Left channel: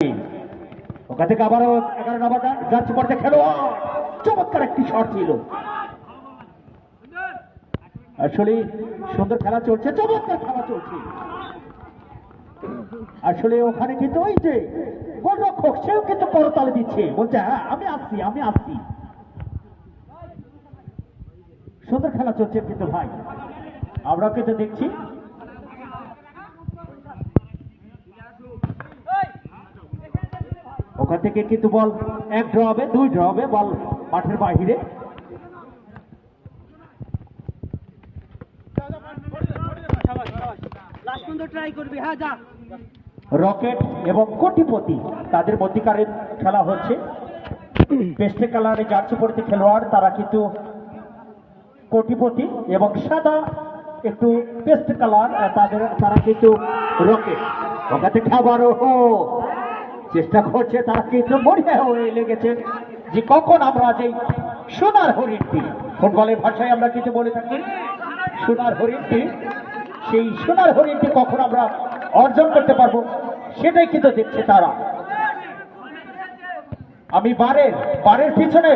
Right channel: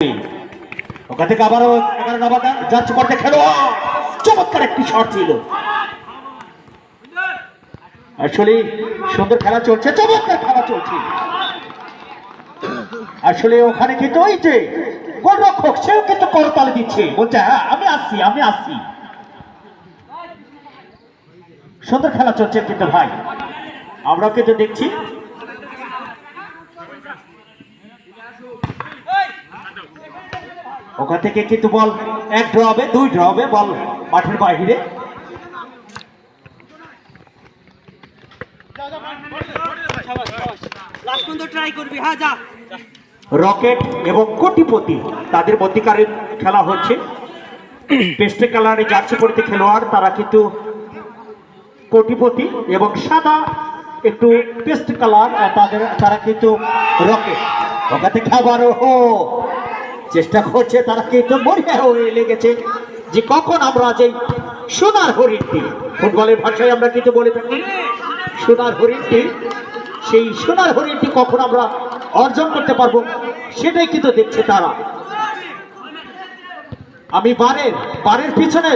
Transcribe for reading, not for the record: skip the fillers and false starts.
ওখান থেকে আবারও 11 নম্বর যাচ্ছে করতে খেলোয়াড়, চমৎকার একটি শট ছিল। আসলে সুন্দর খেলা চলছে, চমৎকার খেলা চলছে। আসলে ওখানে কিন্তু ওই যে গোলরক্ষক সেও কিন্তু করতালি দিচ্ছে, বলছে হ্যাঁ আমি আসছি আমি আসছি। সুন্দর খেলা চলছে কিন্তু ভাই, আমরাও কিন্তু দেখছি। ওখান থেকে কিন্তু বল 1 ড্র হবে, 2 ড্র হবে, বল মাঠের বাইরে। রকেট এবং কোটিপতি তাদের মধ্যকারের খেলা হচ্ছে। পেস্টে কালারে জার্সি পরিতে খেলোয়াড় তারা কিন্তু কোটিপতি, এবং সাদা একটু পেস্ট কালার তারা কিন্তু রকেট। ওখান থেকে আবারও চেষ্টা করছে, তারা কিন্তু মরিয়া হয়ে লেগেছে যে কখন আমরা যে সোনার হরিণটি, ফুটবলের ভাষায় আমরা কিন্তু বলে থাকি সোনার হরিণটি, সেই সোনার হরিণটি কখন আমরা অর্জন করতে পারবো সেটাই কিন্তু দেখছে তারা। আমি বারের পিছনে